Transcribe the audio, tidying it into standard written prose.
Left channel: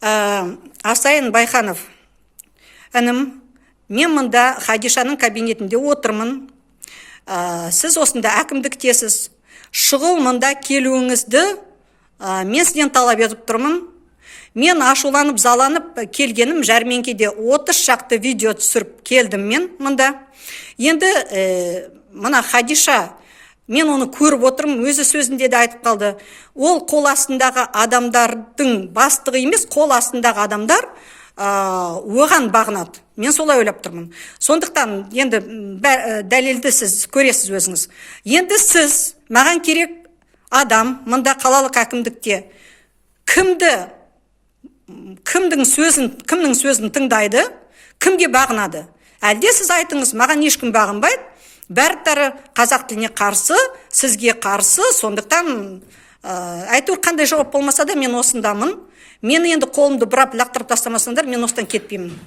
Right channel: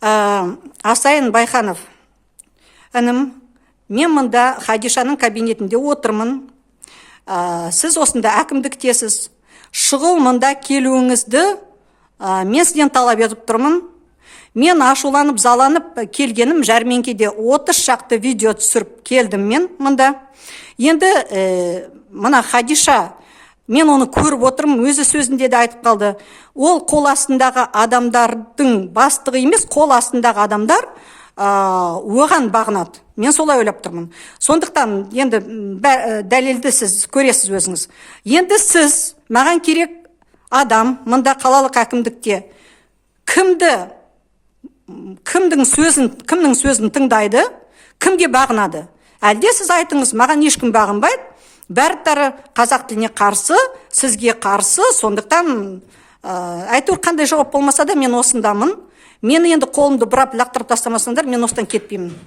Асайын Байханов, інім, мен мұнда Хадишаның кабинетінде отырмын. Сіз осында әкімдіктесіз. Шұғыл мұнда келуіңізді мен сізден талап етіп тұрмын. Мен ашуланып, заланып келгенім жәрмеңкеде 30 шақты видео түсіріп келдім мен мұнда. Енді мына Хадиша, мен оны көріп отырмын, өзі сөзінде де айтып қалды. Ол қол астындағы адамдардың бастығы емес, қол астындағы адамдар оған бағынады. Мен солай ойлап тұрмын. Сондықтан енді дәлелді сіз көресіз өзіңіз. Енді сіз, маған керек адам, мұнда қалалық әкімдікте кімнің сөзін тыңдайды, кімге бағынады? Әлде сіз айтыңыз, маған ешкім бағынбайды, бәрі қазақ тіліне қарсы, сізге қарсы, сондықтан әйтеуір қандай жауап болмаса да мен осындамын. Мені енді қолымды бұрап лақтырып тастамасаңдар, мен осыдан кетпеймін.